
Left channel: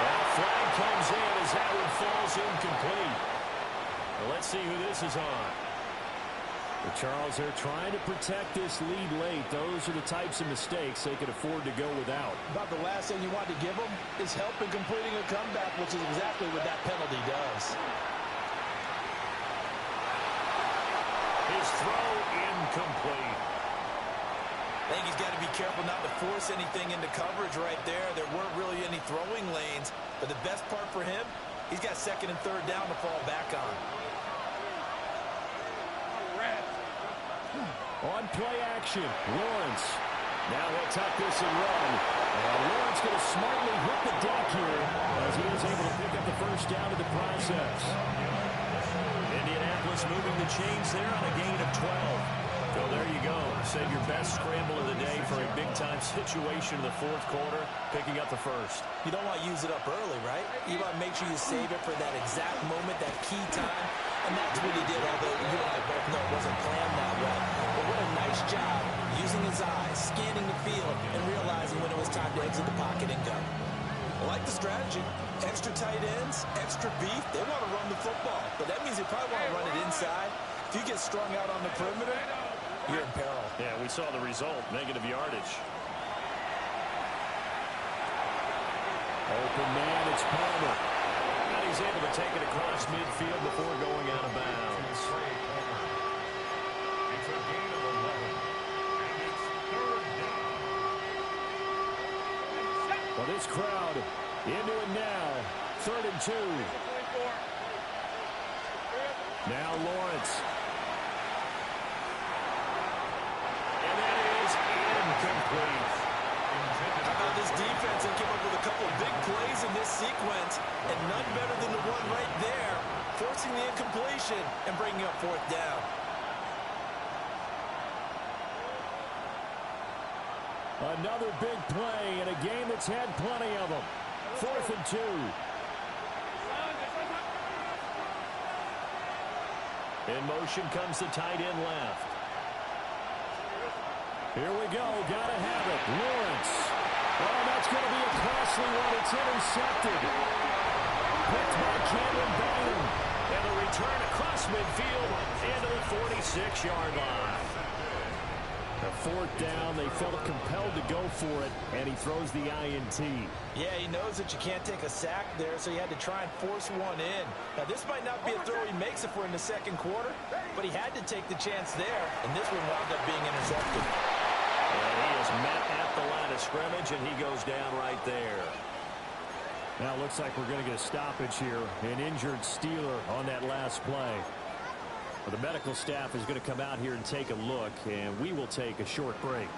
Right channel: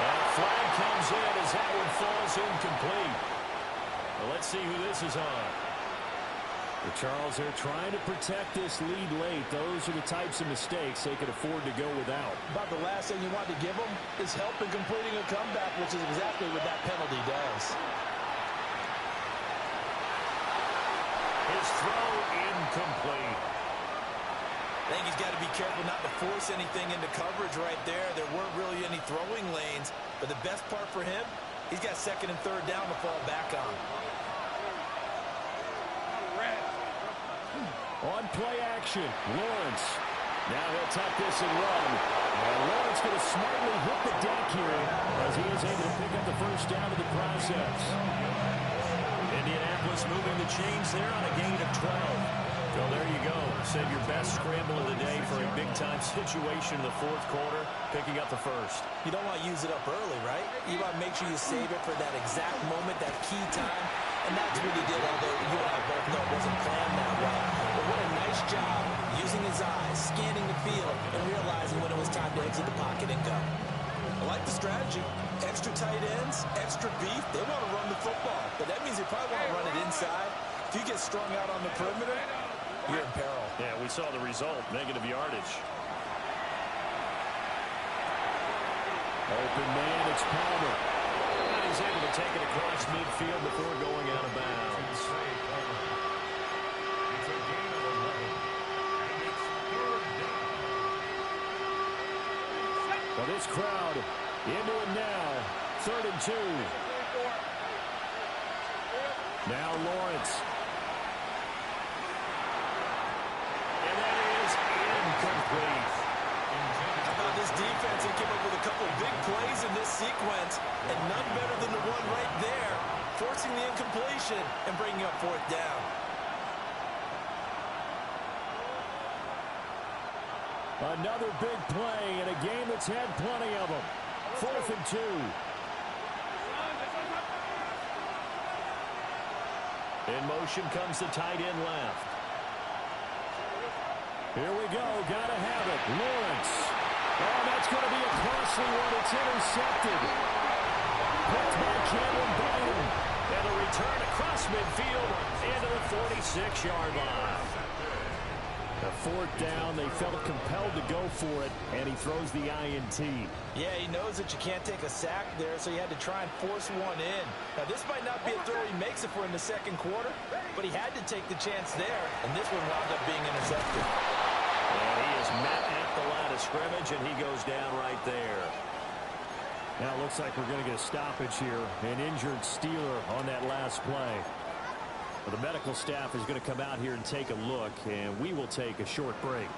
And a flag comes in as that one falls incomplete. Well, let's see who this is on. Well, Charles, they're trying to protect this lead late. Those are the types of mistakes they could afford to go without. About the last thing you want to give them is help in completing a comeback, which is exactly what that penalty does. His throw incomplete. I think he's got to be careful not to force anything into coverage right there. There weren't really any throwing lanes, but the best part for him, he's got 2nd and 3rd down to fall back on. On play action, Lawrence. Now he'll tuck this and run. And Lawrence going to smartly hit the deck here as he is able to pick up the 1st down in the process. Indianapolis moving the chains there on a gain of 12. So there you go. Save your best scramble of the day for a big-time situation in the 4th quarter, picking up the 1st. You don't want to use it up early, right? You want to make sure you save it for that exact moment, that key time. And that's what he did, although you and I both know it wasn't planned that way. But what a nice job using his eyes, scanning the field, and realizing when it was time to exit the pocket and go. I like the strategy. Extra tight ends, extra beef. They want to run the football, but that means they probably want to run it inside. If you get strung out on the perimeter, you're in peril. Yeah, we saw the result, negative yardage. Open man, it's Palmer. And he's able to take it across midfield before going out of bounds. It's a gain of 11, and it's third down. Well, this crowd into it now. 3rd and 2. Now Lawrence. And that is incomplete. How about this defense? They came up with a couple of big plays in this sequence, and none better than the one right there, forcing the incompletion and bringing up 4th down. Another big play in a game that's had plenty of them. 4th and 2. In motion comes the tight end left. Here we go. Got to have it. Lawrence. Oh, that's going to be a costly one. It's intercepted. Picked by Cameron Bynum. And the return across midfield into the 46-yard line. The 4th down, they felt compelled to go for it, and he throws the INT. Yeah, he knows that you can't take a sack there, so he had to try and force one in. Now, this might not be a throw he makes if we're in the 2nd quarter, but he had to take the chance there, and this one wound up being intercepted. And he is met at the line of scrimmage, and he goes down right there. Now it looks like we're going to get a stoppage here. An injured Steeler on that last play. Well, the medical staff is going to come out here and take a look, and we will take a short break.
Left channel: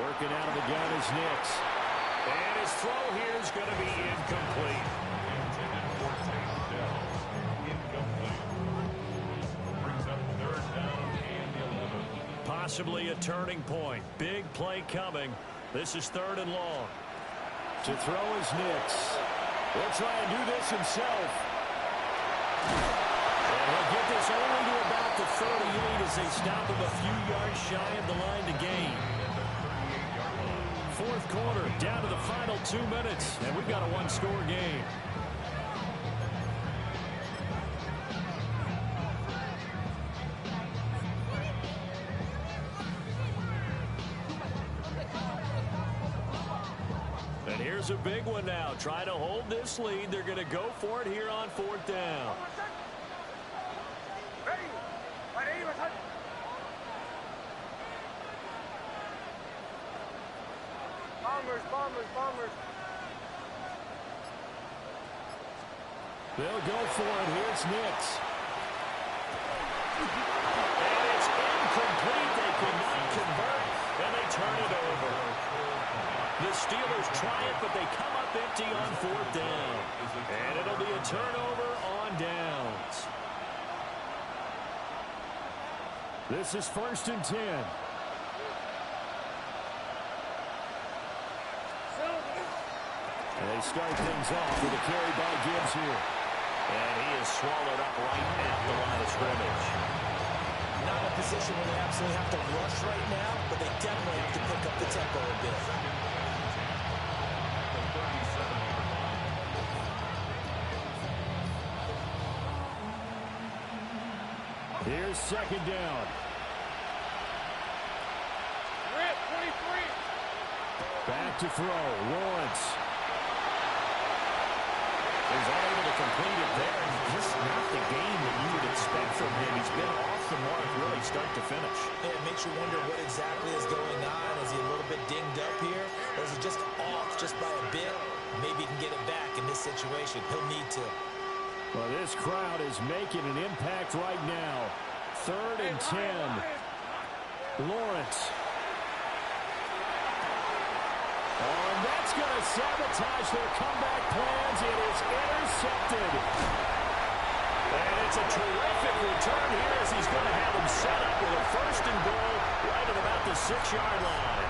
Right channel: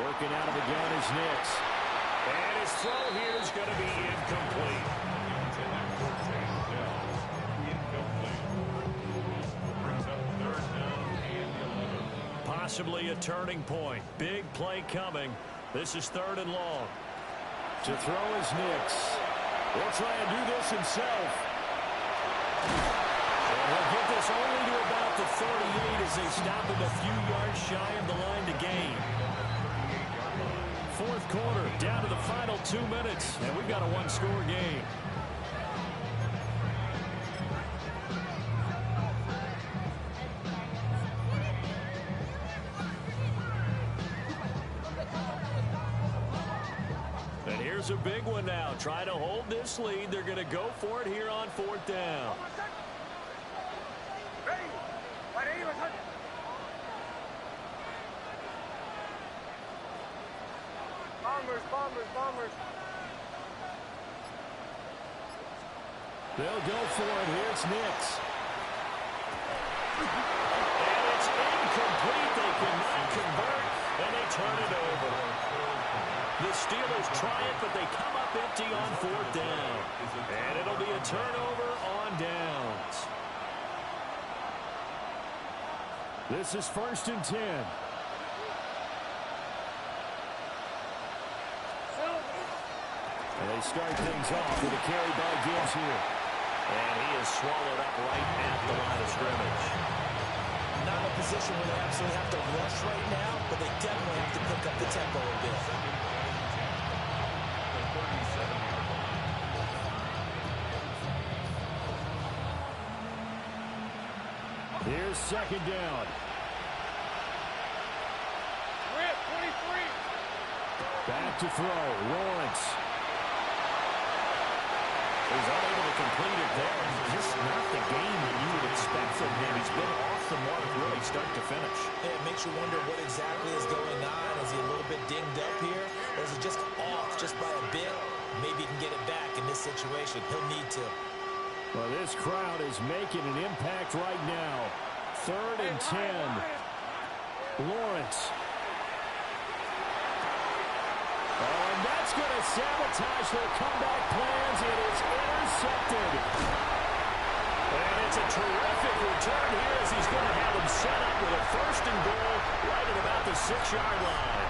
Working out of the gun is Nix. And his throw here is going to be incomplete. Intended for Dell. Incomplete. Brings up 3rd down and 11. Possibly a turning point. Big play coming. This is 3rd and long. To throw is Nix. He'll try and do this himself. And he'll get this only to about the 38 as they stop him a few yards shy of the line to gain. 4th quarter, down to the final 2 minutes, and we've got a 1-score game. And here's a big one now. Try to hold this lead. They're going to go for it here on 4th down. Bombers. They'll go for it. Here's Nix. And it's incomplete. They cannot convert, and they turn it over. The Steelers try it, but they come up empty on 4th down. And it'll be a turnover on downs. This is 1st and 10. And they start things off with a carry by Gibbs here. And he is swallowed up right at the line of scrimmage. Not a position where they absolutely have to rush right now, but they definitely have to pick up the tempo a bit. Here's 2nd down. Rip, 23. Back to throw. Lawrence. He's unable to complete it there. Just not the game that you would expect from him. He's been off the mark really start to finish. Yeah, it makes you wonder what exactly is going on. Is he a little bit dinged up here? Or is he just off just by a bit? Maybe he can get it back in this situation. He'll need to. Well, this crowd is making an impact right now. 3rd and 10. Lawrence. Oh, and that's going to sabotage their comeback plans. It is intercepted. And it's a terrific return here as he's going to have them set up with a 1st and goal right at about the 6-yard line.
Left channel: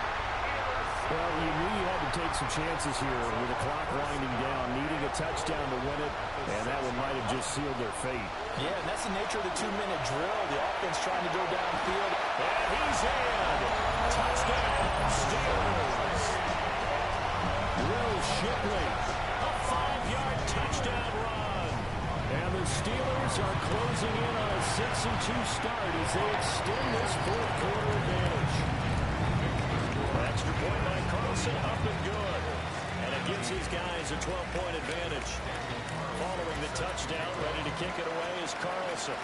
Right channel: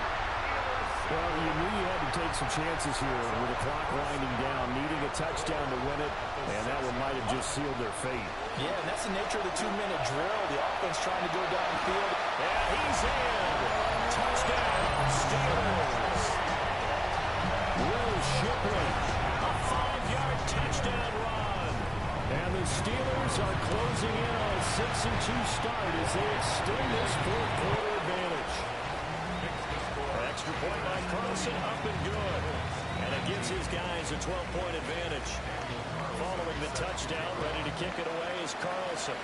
Well, you knew you had to take some chances here with the clock winding down, needing a touchdown to win it, and that one might have just sealed their fate. Yeah, and that's the nature of the 2-minute drill. The offense trying to go downfield. And he's in. Touchdown, Steelers. Will Shipley, a 5-yard touchdown run. And the Steelers are closing in on a 6-2 start as they extend this 4th quarter advantage. That extra point by Carlson, up and good. And it gives his guys a 12-point advantage. Following the touchdown, ready to kick it away is Carlson.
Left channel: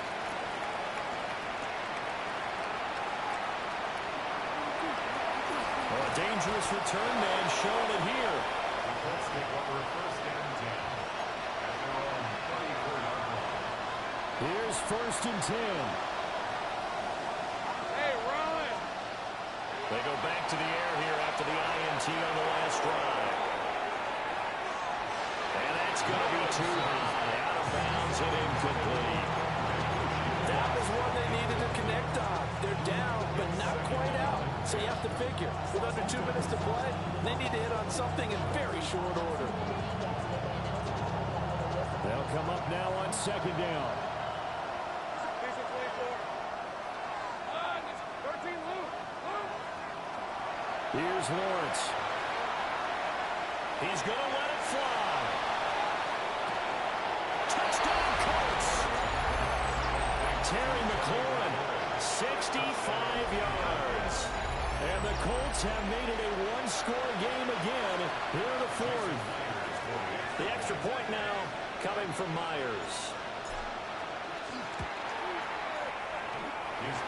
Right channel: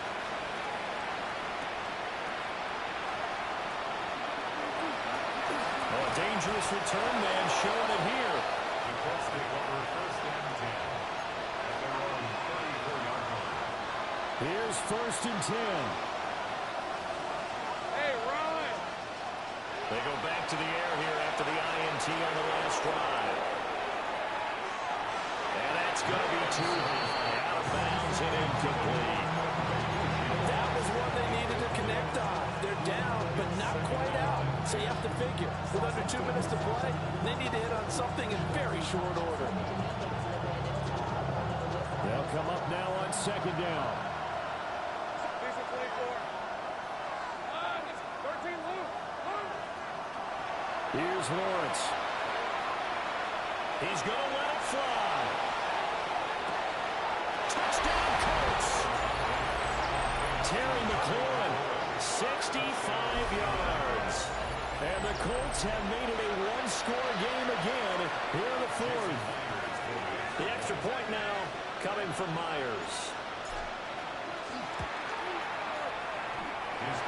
Oh, a dangerous return man showing it here. The Colts take over first and 10 at their own 34-yard line. Here's first and 10. Hey, run! They go back to the air here after the INT on the last drive. And that's going to be too high. Out of bounds and incomplete. That was one they needed to connect on. They're down, but not quite out. So you have to figure, with under 2 minutes to play, they need to hit on something in very short order. They'll come up now on second down. Decent 24. 13, Luke. Here's Lawrence. He's going to let it fly. Touchdown, Colts. Terry McLaurin, 65 yards. And the Colts have made it a one-score game again here in the fourth. The extra point now coming from Myers.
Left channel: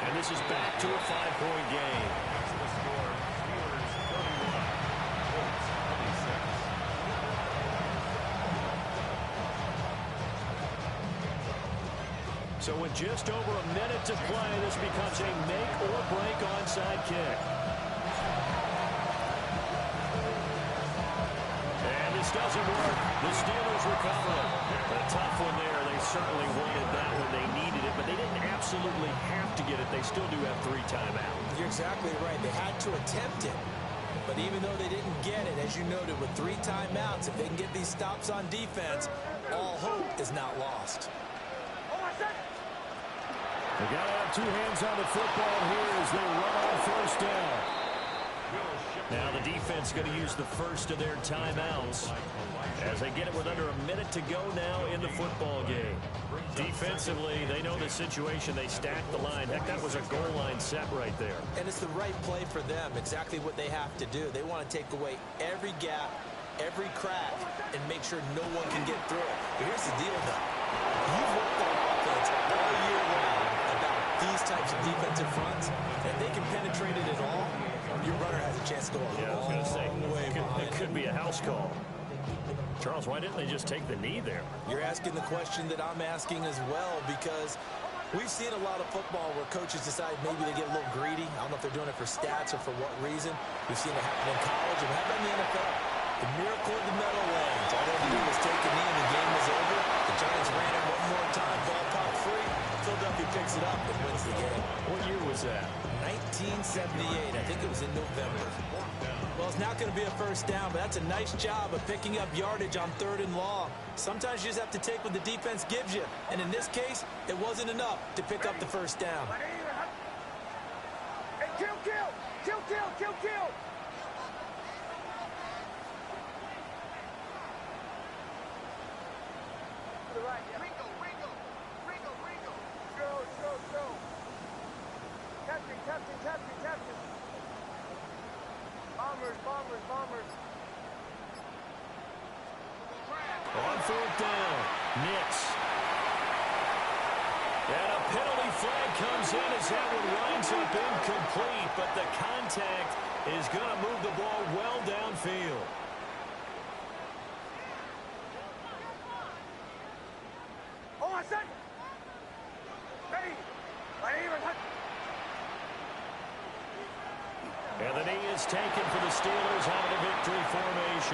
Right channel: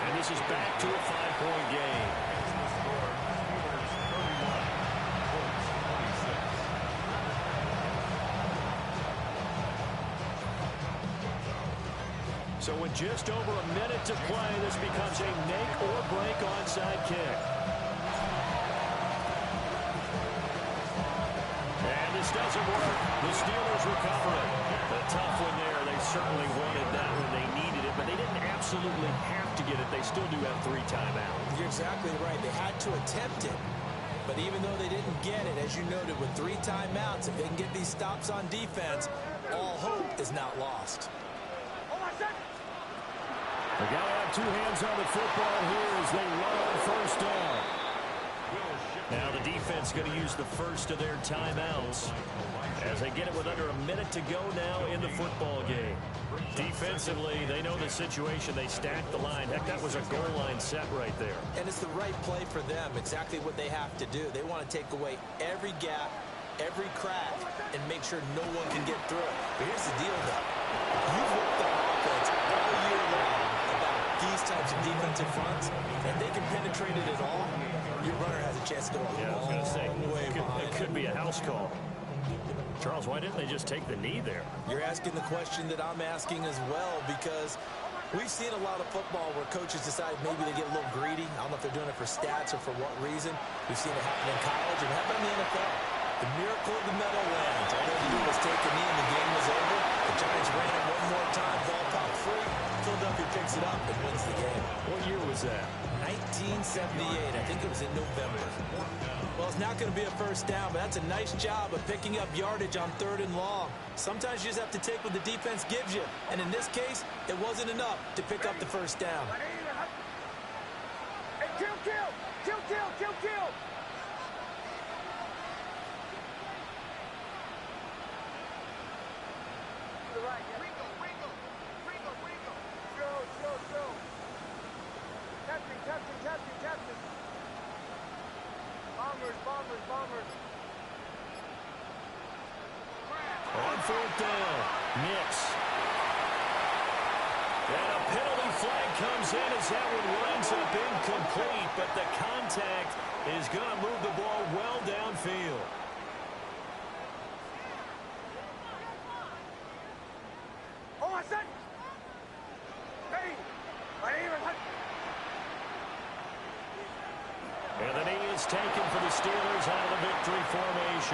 And this is back to a 5-point game. It's the score. Steelers 31, Colts 26. So with just over a minute to play, this becomes a make-or-break onside kick. And this doesn't work. The Steelers recover it. A tough one there. They certainly wanted that when they needed it, but they didn't absolutely have to get it. They still do have 3 timeouts. You're exactly right. They had to attempt it. But even though they didn't get it, as you noted, with 3 timeouts, if they can get these stops on defense, all hope is not lost. They got to have 2 hands on the football here as they run on first down. Now the defense going to use the first of their timeouts as they get it with under a minute to go now in the football game. Defensively, they know the situation. They stack the line. Heck, that was a goal line set right there. And it's the right play for them, exactly what they have to do. They want to take away every gap, every crack, and make sure no one can get through it. But here's the deal, though. You've worked on offense all year long about these types of defensive fronts. If they can penetrate it at all, your runner has a chance to go a long way behind. It could be a house call. Charles, why didn't they just take the knee there? You're asking the question that I'm asking as well, because we've seen a lot of football where coaches decide maybe they get a little greedy. I don't know if they're doing it for stats or for what reason. We've seen it happen in college and happen in the NFL. The miracle of the Meadowlands. All they had to do was take a knee and the game was over. The Giants ran it one more time, ball popped free. Philadelphia picks it up and wins the game. What year was that? 1978. I think it was in November. Well, it's not going to be a first down, but that's a nice job of picking up yardage on 3rd and long. Sometimes you just have to take what the defense gives you. And in this case, it wasn't enough to pick up the first down. Hey, kill! To the right, yeah. Ringo. Show. Captain. Bombers. On 4th down, Nix. And a penalty flag comes in as that one winds up incomplete, but the contact is going to move the ball well downfield. Oh, I said! Ready! And the knee is taken for the Steelers out of the victory formation.